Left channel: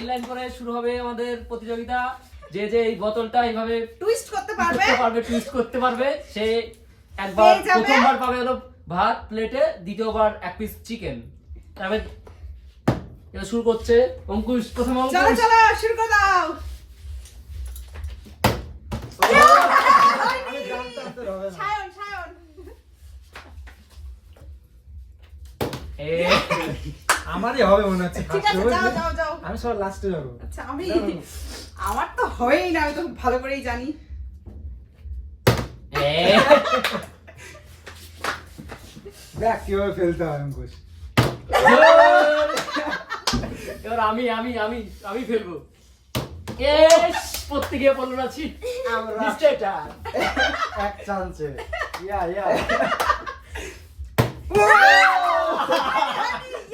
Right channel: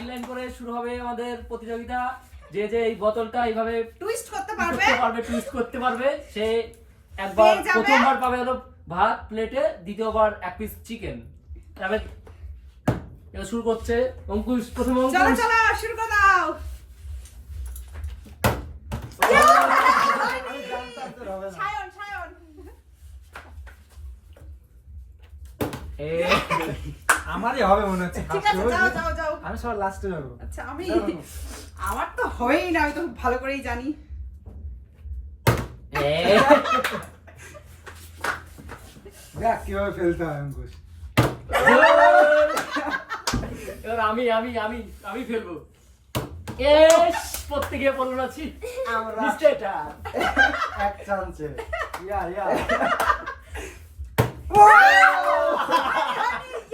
Line line করে শুরু হবে আমাদের প্রতিযোগিতা। যে যে এই বোতলটা এইভাবে টুইস্ট করতে পারবে। পারবে টুইস্ট করতে পারবে সে একবার প্রথমবার পাবে হলো ভাত প্লেটে দ্বিতীয়বার এক পিস চিকেন তারপরে এবার শুরু করছে অঙ্কুশ প্রথম চলো অঙ্কুশ। চলো শুরু করে দাও। সায়ন সায়ন আমারই হবে মনে হচ্ছে ঠিক আছে যাও যাও যাও। আমি সব লাস্টে যাব। আচ্ছা আমি আমার তো হবেই না আমি তো খুব ভালো করেই জানি। দেখ কীভাবে ফেলতে হয় অঙ্কুশ। এবার আমি আমি আমি আমি ফেলব। এস প্রত্যেকে বলল না ছি আমরা নিশ্চয় এক চান্সে ইয়া ইয়া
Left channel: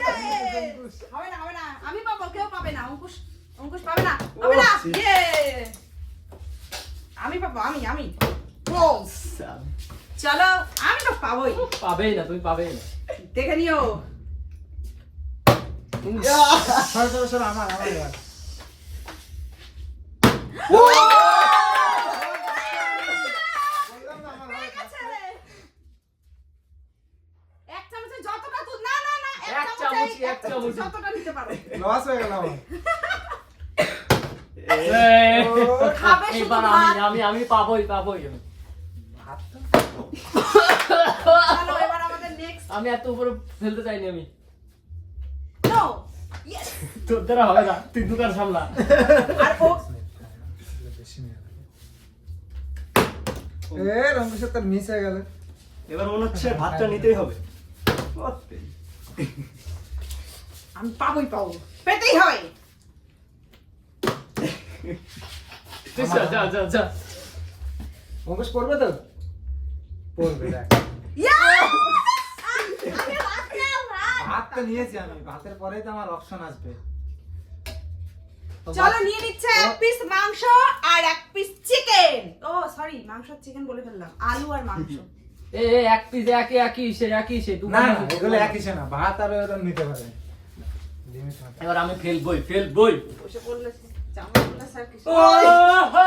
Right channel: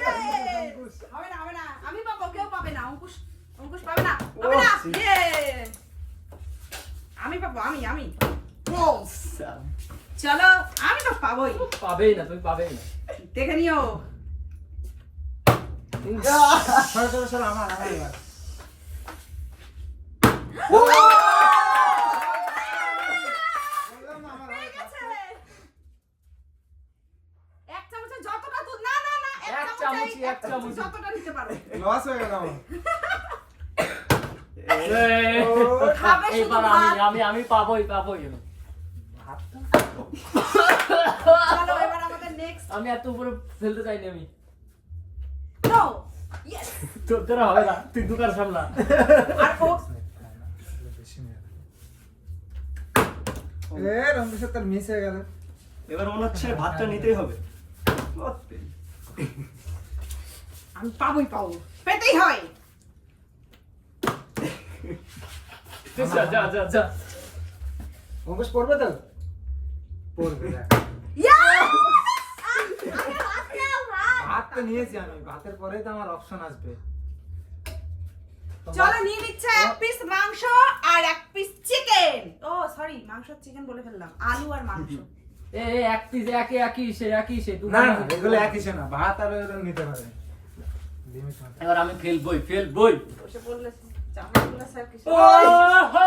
Yay! হবে না হবে না আমি পাবো না অঙ্কুশ অঙ্কুশ পাবে না? পাবে না? ইয়ে! আমি পাবো আমি আমি। চলো আমি তো পাবোই। পাবেই না তুমি পাবেই না। দেখে নিও। সরো সরো সরো আমার আমার এবার বললাম না আমার হয়ে হবে। গেছে রে। এক চামচে যতটা দুধ না না না এক এক চামচে এক এক যতটা নিতে পারো। লস হয়ে গেল। আমার। এ, খাবে শুধু এবার আমি আমি আমি পাবোই পাবোই আমি। চলো এবার আমাদের নেক্সট আমি এত উপরে ফেলতে চাইনি আমি। নো তোর দ্বারা হবে না তুই দোকান সামলা। আর ও বেশি নিয়ে গেল। এ রঙ্গেশ্বর তোর মিস হয়ে গেল। এবার মনে হচ্ছে ভাতটা নিতেই হবে। আমি পাবোই পাবো। পেতেই হয়। যা যা যা যা। অঙ্কুশ পড়বে তো? পড়বে ইয়া! ভাত নাও, ভাত। ভাত তো নিয়েছি আমি। ভাতের পরেই তো আমার অপশন আসবে। চলো নিয়ে নিচ্ছে এক পিস মাংস আর এক পিস চিকেন ও সরি মাংস চিকেন বলে ফেললাম। আলু আর মাংস। এ এক পিস একই একই সে একই সে না এগুলো একই সে না। ভাত আর ওরকম নিতে পারে হবে। এবার আমি ফেলবই ফেলবই বসে পড়লে চামচগুলো স্যার কিছু ওহো!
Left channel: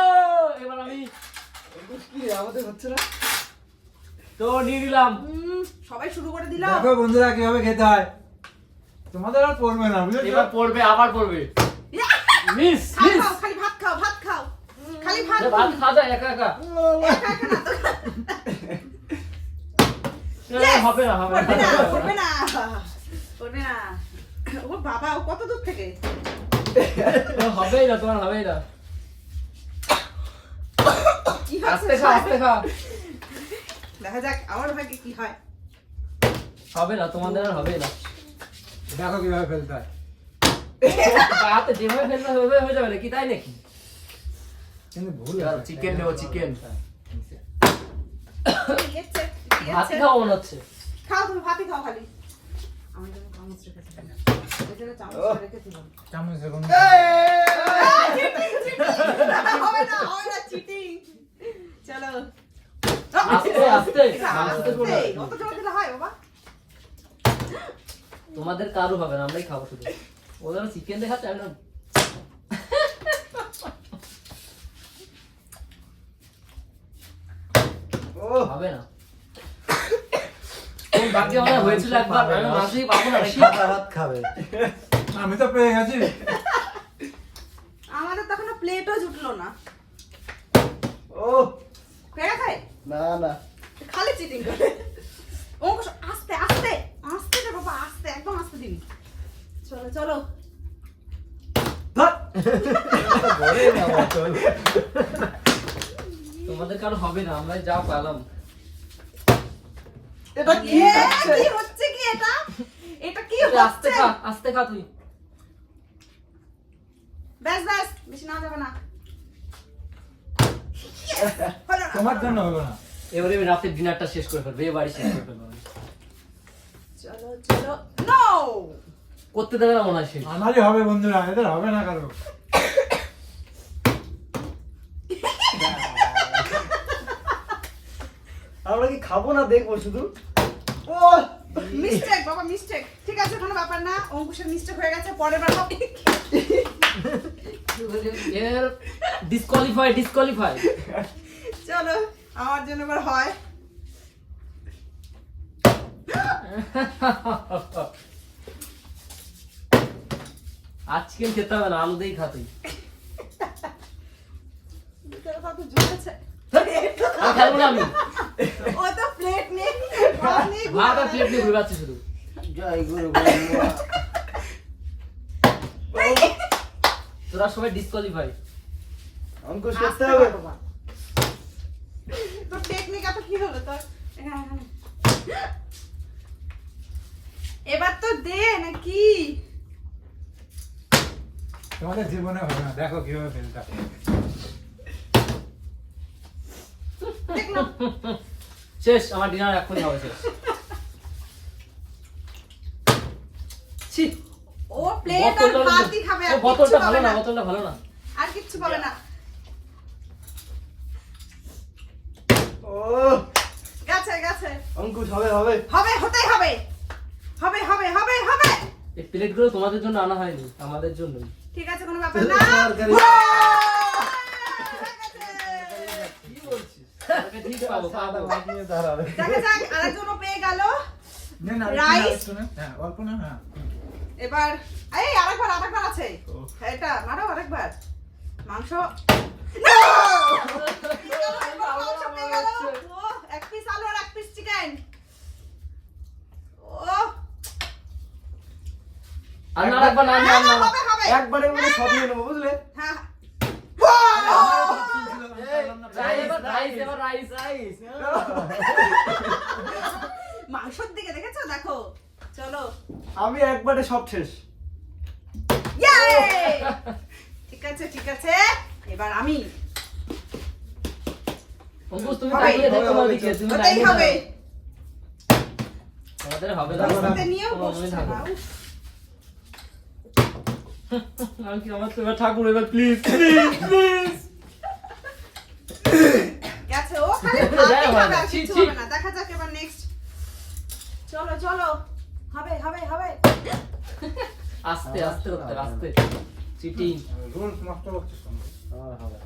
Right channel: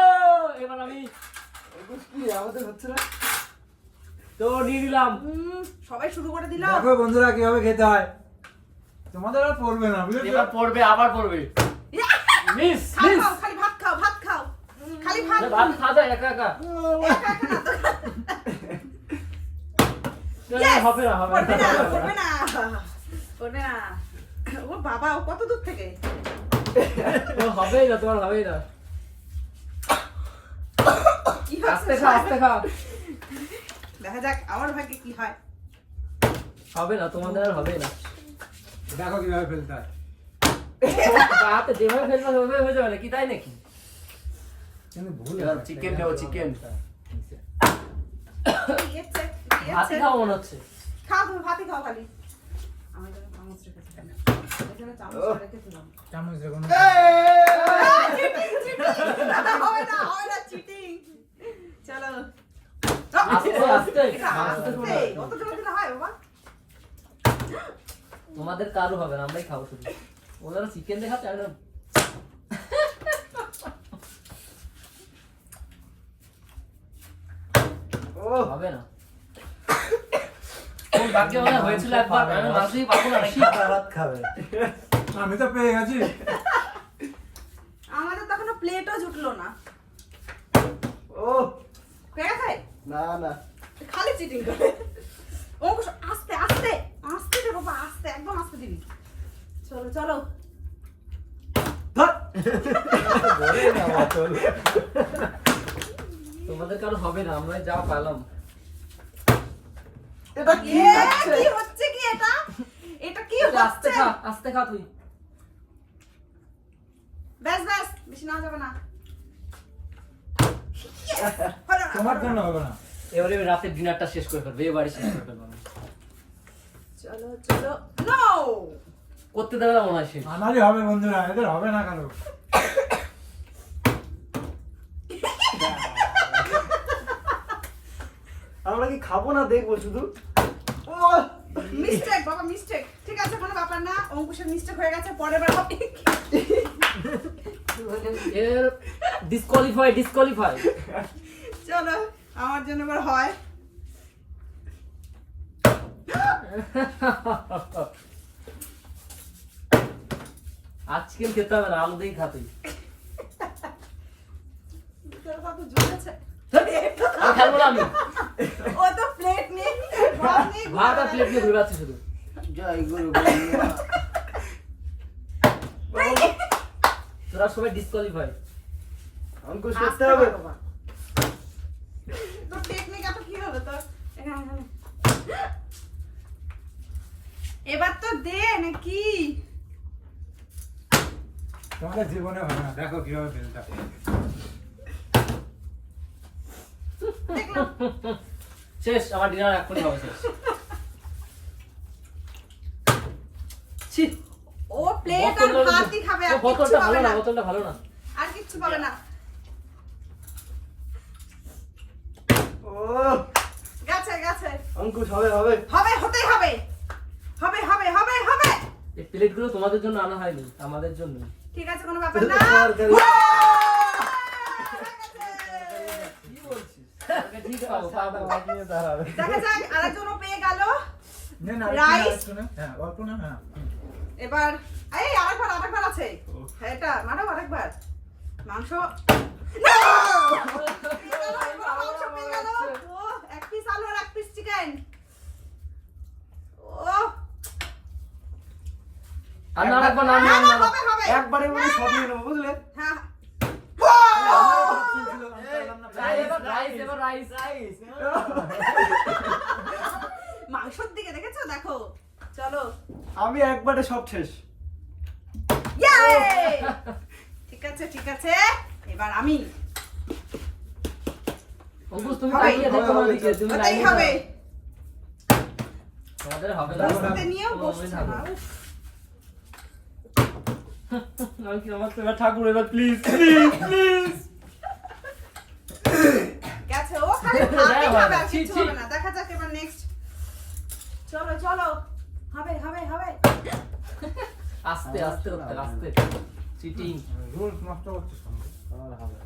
এবার আমি আমাদের হচ্ছে না? তো নিয়ে নিলাম। সবাই শুরু করে দিল দেখো বন্ধুরা কীভাবে খেতে হয়। তোমাদের আর পড়বে না বুঝেছ? এবার পড়বে আবার পড়বে। মিস মিস খালি ভাত খাও ভাত খাও। খালি ভাত ভাত খাওয়া একা একা। একা একা না তো। না, হবে না। হবে না। ও বাবা ও কত দূর থেকে ও, হবেই না তোমার হবেই না। কি? আস্তে খা আস্তে খা। দেখা যাক আমার ভাগ্যে কি হয়। হবে না তোমাদের আর হবেই না। দেখো কীভাবে ফেলতে হয়। হাতে যেভাবে ফেলবে ওইভাবে হয়ে যাবে নাকি? তাই নাকি? ভুল chicken নেব, chicken। কি হচ্ছে? ভাত হচ্ছে? মনে হচ্ছে। খাও তুমি ভাতই খাও খালি। আমার তোমাদের কারও হবে না আমরাই খাব শুধু। ওদের চিকেন দেখাচ্ছে আমি না- হবে না। কোন ভাগ্যে হয়েছিল একবার আমি মাঝেই পাবো না নাকি? ভাত খাবে। আমি তো পেয়ে গেছি। আমাদের তো এখনও প্লেটও জুটলো না। ও। গেছে? না না। খালি চিটিং করে। অঙ্কুশ আস্তে আস্তে আস্তে দে বাবা আস্তে একদম আস্তে দিবি। চলো চলো। বলে না তোমাদের কারও হবে না আমরা যা পেলাম। এটা কি কি হচ্ছে কি এটা? এটা কি আস্তে হচ্ছে? খা আস্তে খা তুই। ব্যাস ব্যাস বেশি না যাবে না। তোমার জন্য না। হলো না। এবারে আমি রাতের ডিনারটা শেষ করে ফেলব এ বাড়ি শেষ করে ফেলব চলো চলো। নো করতে দেবে না মনে হয় শেষ। আমারই হবে বন্ধুরা এদের হবে না কারও। আমরা কি খাব না দেখব শুধু? ও! মিস্টেক বাবা মিস্টেক ঠিক আছে কোনো ব্যাপার না। অঙ্কুশের মিস্টেক হয়ে গেছে পরের বার হবে। এর ডিসকোয়ালিফাই ডিসকোয়ালিফাই চলো আমার জন্য এবার হয়। আজ চিকেন খেতে হবে না আলু দিয়েই খাতে আর খাব না আমি। ও তো প্লেট নেই ভাত আর প্লেট নিয়ে ঘুরে বেড়াচ্ছি শুধু। জয় গুরু তোরা সবাই ডিসকোয়ালিফাই অঙ্কুশ করতে হবে। পারো টেকনিক এত কি হলো তোর এখানে, এখানে। এবার তো দে নাকি। তোমাদের জীবনে হবে না। দেখো কীভাবে ফেলতে শেষ আমার ডিনার এখনই হবে শেষ। ছি। ও প্লেট আর ভাতই খাবে আর বোতলটা ভালো না না। বোতলটা ভালো না। আর কিচ্ছু পাবে না। ও। গেছে গেছে। অঙ্কুশ হবে হবে। হবে হতেই হবে। হবে হবে হবে হবে। এই প্লেটগুলো তোমাদের জন্য আনা হয়নি আমাদের জন্য ঠিক আছে কোনো ব্যাপার না তরকারি। কি বলছিস ঠিক পাবো পাবো ভাত নিয়ে দাঁড়াবে দেখা যাক আরেকজনও পেয়ে গেল। না, না, Rice? আরেকটু না, হ্যাঁ, অল্প না, হ্যাঁ। এবার এই আরেকবার আরেকবার আছে। হ্যাঁ, এটা মারো আরেকবার। মাংস। No! পেয়ে গেল, এবার মাংস পেয়ে গেল। ও, এক পিস আলু আর এক পিস চিকেন ও। আর না রাখব না না না হবে হবে। একবারের মধ্যে সব নিয়ে নেব বুঝলে হ্যাঁ রাইস রাইস এবার রাইস মাংসর দিকে দেখেছ? দেখো। চলো। আমি একবারে সব শেষ। ঠিক আছে ঠিক আছে। এবার আমি। ঠাকুর এবার প্লিজ প্লিজ প্লিজ গেছে ও খালি দেয়া ভাতই হয় খাবে না, আর ছি, কিছু ছি। হবে না দেখা যাক এবার নেক্সট চলো চলো। হবে হবে হবে। আস্তে আস্তে আস্তে চিটিং রুলস নষ্ট করছিস হবে।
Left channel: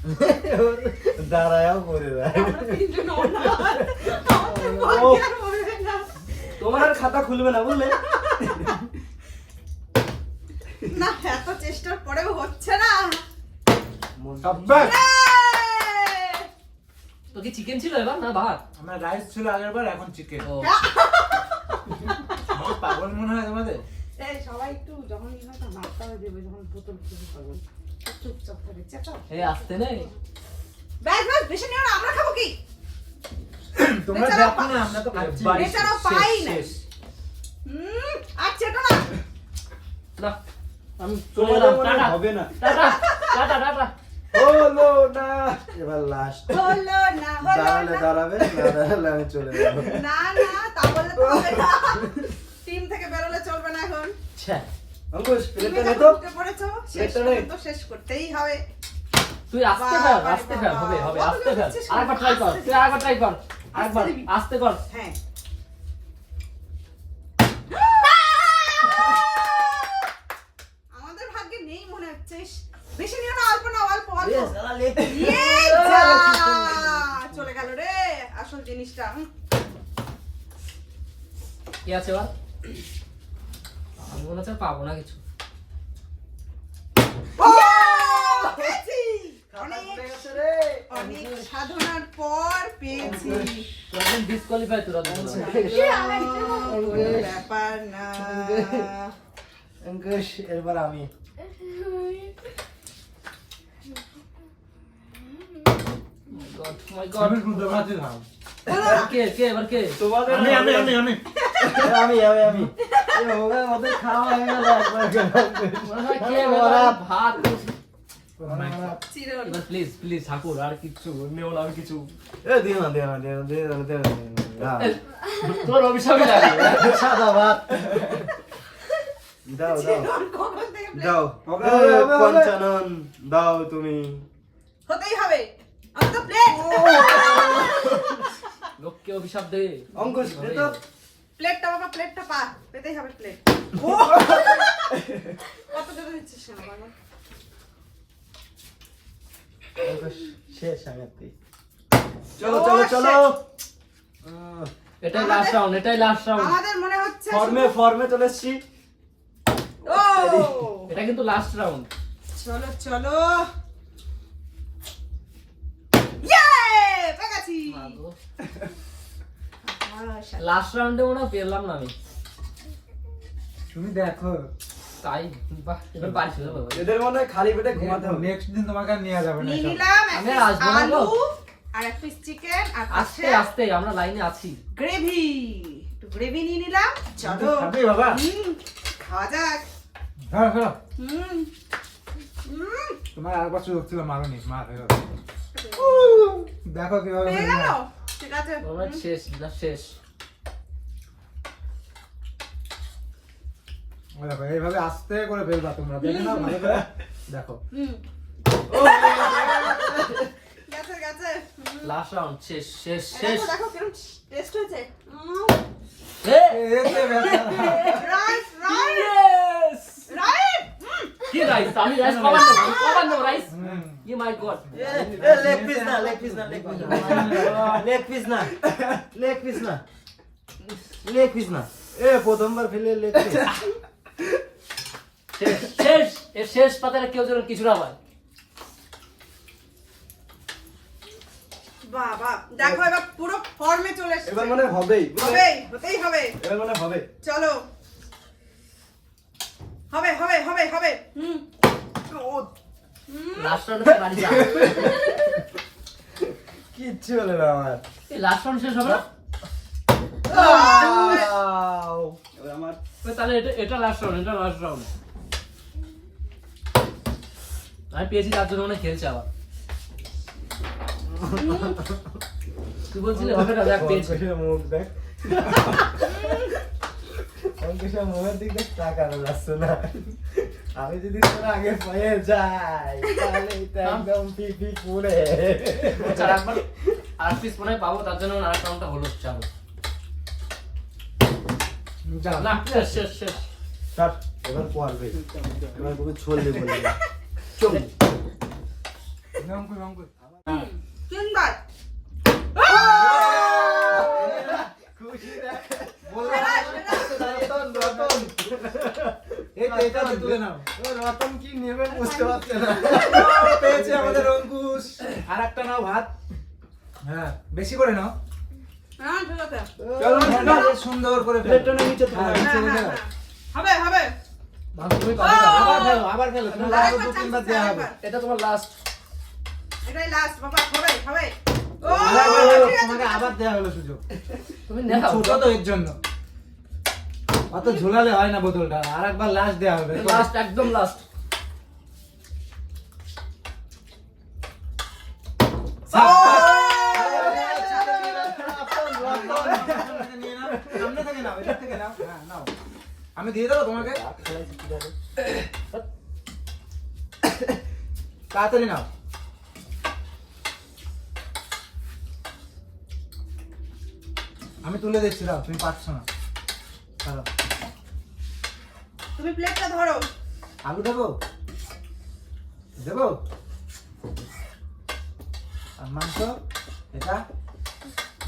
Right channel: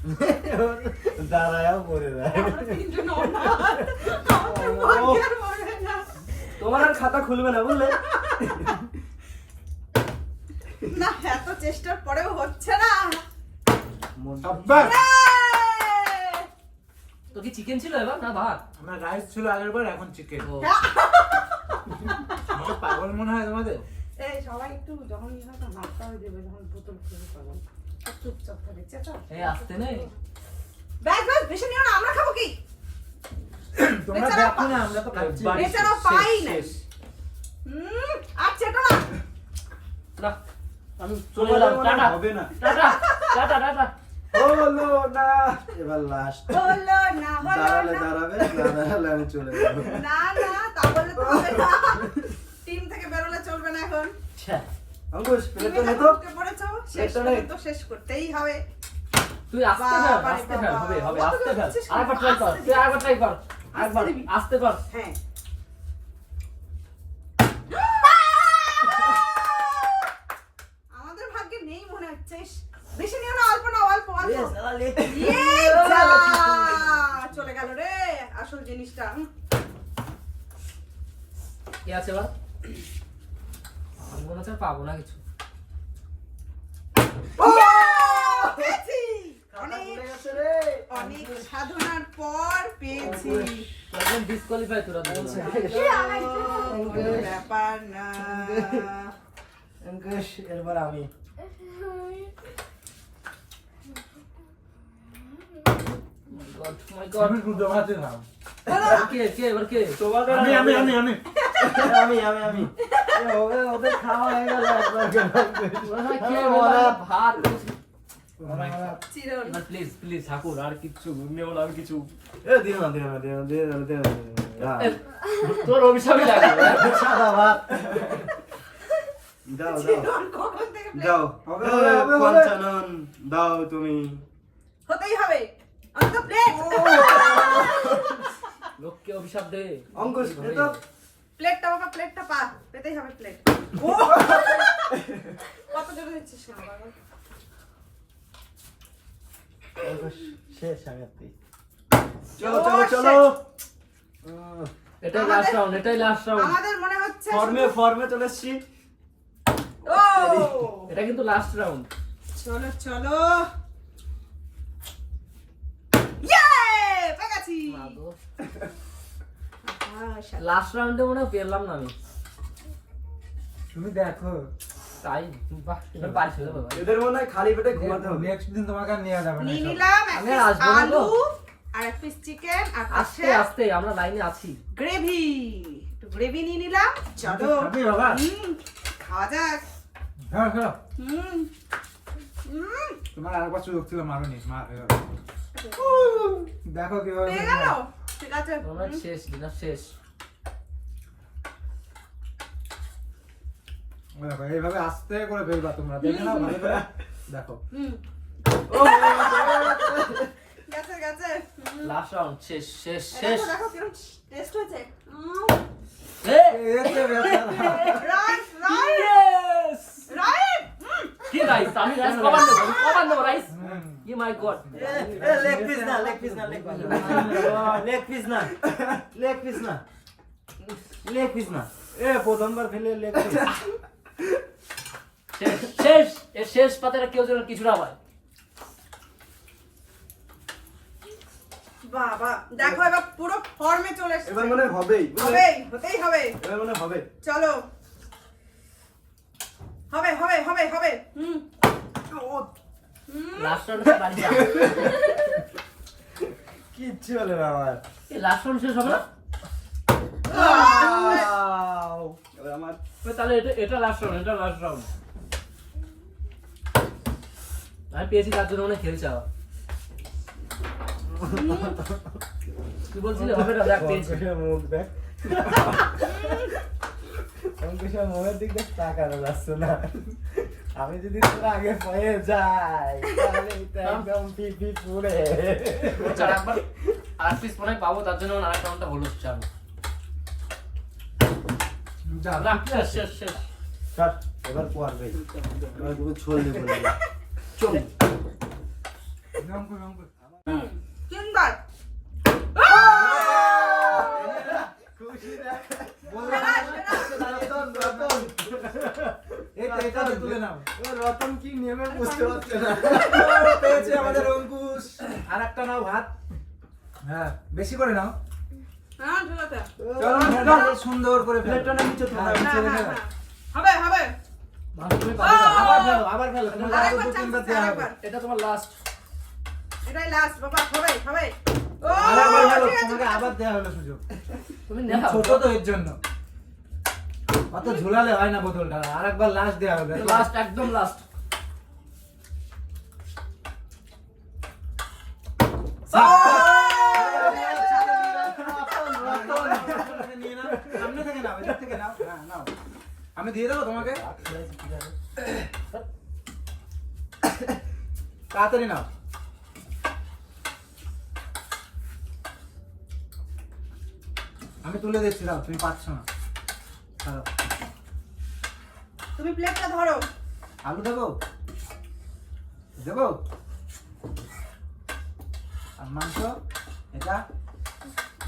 দাঁড়ায়াও পড়ে যায়। আমরা তিনজন অনাথ। আমাদের ভাগ্যে আর মরবে না। তোমার আর খাতা খুলবে না বুঝলে? না এত চেষ্টার পরেও হচ্ছে না! তো কি চিকেন ছিল এবার না ভাত? আমার রাইস ছিল আগের বার এখন চিকেন ও। পাগল মনে হয় তোমাদের? এই সবাই একটু যখন ইয়ে হয় না নাড়তে হবে দেবে যখন বোতল পাবো চুপচাপ থাকে চেঁচাও। এই আসতে নেই। ব্যাস ব্যাস বেশি নিও না আমরা খাব কি? তোমরা দেখো না আমরা তো খাচ্ছি। বেচারা পাই না। হুম আর চেটো না। না আমি চলে তোমাদের এলাম টাটা। হবে না। Tata tata tata. হলো না। এবার লাস্ট হলো না হলো দাঁড়ালে দাঁড়াবে না দাঁড়ালে আমি চলে যাব। না না তা বললে তো হবে না। টিম থেকে বেরোলে চলবে না এখন। ছ্যা, অঙ্কুশ প্লেটটা নে তো? পড়েছো শেষ তো শেষ করতেই হবে। তুই আসতে বাবা ফেল রে আসতে বাবা। হবে হবে আসতে করছিস আরেকবার ট্রাই কর তুই আরেকবার ট্রাই কর আরেকবার। আসতে কর। হ্যাঁ। আমাদের ভাগ্যে নেই মনে হচ্ছে। বেশি নিও না অল্প না অল্প অল্প যা! চলে গেল রে আসল জিনিসটা কি আছে এবার আমি মনে হচ্ছে পাবো না কিছু। অনেক সাধনার পর পেয়েছি। একদম ডিসকোয়ালিফাই তোরা ব্যাপার না। এরপর আমি। গড মাই গড আমি শুনতে পাচ্ছি না। কে কে এবার কে? তোমাদের আমি আমি আমি আমি। আমি আমি আমি। হবে ওদের খাওয়া হয়ে গেল একবার। কে ওরা এবার ভাত। প্লিজ প্লিজ ঠাকুর আর কিছু নেও না আর কিছু। এ দিও না দিও না দিও না দিও না দিও না, দিও না এ, তোর অভিশাপই লাগে। সাদা ভাত। দাও দাও। দাও। পঞ্চানন দাও তুমি। হতেই হবে। অন্ত প্লেট লোককে অভিশাপ দে। অঙ্কুশ তো প্লেটটা বাবা প্লেটটা পা পেতেই হবে প্লেট। কত জোরে দিচ্ছিস কেন বাবা? শেষ আগাতে চলো চলো চলো! এটাই লাস্ট রাউন্ড এটাই লাস্ট রাউন্ড আমাদের মনে হচ্ছে ফর্মে ফর্মে চলে এসছি। ও! এটা কিন্তু লাস্ট রাউন্ড চলো চলো ইয়ে পেয়েছি লাস্ট রাউন্ডে মনে হয় পেলাম না আমি। তুমি দেখো। তাই? বাহ এবার পারিস না বাবা। এদের মনে হয় খালি পেটে ঘুমাতে হবে। নেক্সট দিন তোমাকে আর নিয়ে যাবে না নিয়ে নিলাম এক আমি piece আসব না আলু আর এক পিস চিকেন আর আস্তে আস্তে আমরা লাইনে আছি। গ্রেভি একটু গ্রেভি নিয়ে নিলাম। চলো বাবা। খাওয়া যাক। হ্যাঁ হ্যাঁ হুম হুম। তোমার আরেকবার সুযোগ ছিল মারুনি মার হয়ে গেল দেখো কীভাবে ঠিক আছে শেষ এটা শেষ দেখো এইভাবে আস্তে করে ফেলবা তোমরা দেখে নাও ভালো করে দেখো গেছে গেছে লাস্ট রাউন্ড শেষ শেষ শেষ দেখো দেখো টেস্ট হয়েছে কি রাইস আমি রাইস কমান দেবো কমান দেবো রাইস হুম। মাই গড এ লেগ পিস না লেগ পিস না লেগ পিস না লেগ পিস না লেগ পিস না লেগ পিস না এ প্রথমবার ফেলে লেগ পিস শেষ শেষ শেষ পাতাটা কেউ যেন কিছু না হয় বাবা দেখো এবার পুরো ফর্মে চলে এসেছে। এবার মনে হবেই। হবে হতেই হবে। এবার মনে হবে। চলো। হবে হবে হবে হবে। হুম। কিচ্ছু হলো না আমার। লাস্ট রাউন্ড শেষ হবে না? আমার তাহলে এটা এটা লাস্ট রাউন্ড এটা লাস্ট রাউন্ড আমি পেয়েছি তার জন্য মনে খেলছে আবার। তুই বলছিলি হবে না দেখ পেয়েছি। মুখ দেখ। মুখের দিক দেখ তাকানো যাচ্ছে না। আমি যদি তোর আগে পেয়ে যাই তাহলে একদম পিপি পুরে আর পিস মনে পাবো তার জন্য আর রাউন্ডটা হলো চালু। না শেষ শেষ শেষ। স্যার এবার পড়বে এবার চল করে, করে। হুম। তিনবার সেরা, সেরা। এই তো, এটা তো তুলে নাও। হ্যাঁ বেশি করে নাও হ্যাঁ, সুন্দর করে। হ্যাঁ, হ্যাঁ, হ্যাঁ। হ্যাঁ। আবার এটাই লাস্ট বাবা হবে হবে আবার দেওয়া হলো সুযোগ তুমি তুমি ছোট তো এর জন্য। অত ঝোলালে হয় না বোতলটা। আর একবার লাস্ট দেওয়া হবে লাস্ট একদম লাস্ট নিয়ে নাও, সামনে থেকে নাও এদিক থেকে নাও। নাও। আমি দিয়ে দেবো তোমাকে? তাড়াতাড়ি নাও। আমি তুলে দিচ্ছি দাও তুমি পাচ্ছ না। চলো তুমি প্লেটটা ধরো। আলু দেবো? দেবো? আর মাংস? এটা?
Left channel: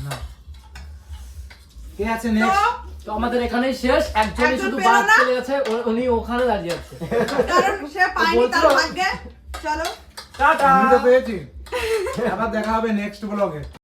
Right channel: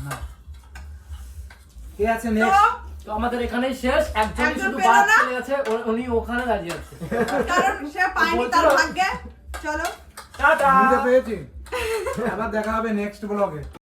না কে আছে তো? নেক্সট তো আমাদের এখানেই শেষ। একজনই একজন শুধু বাদ চলে গেছে। উনি ওখানে দাঁড়িয়ে আছে। কারণ সে পায়নি তার ভাগ্যে। চলো। টাটা! আমি তো পেয়েছি। আবার দেখা হবে নেক্সট ব্লগে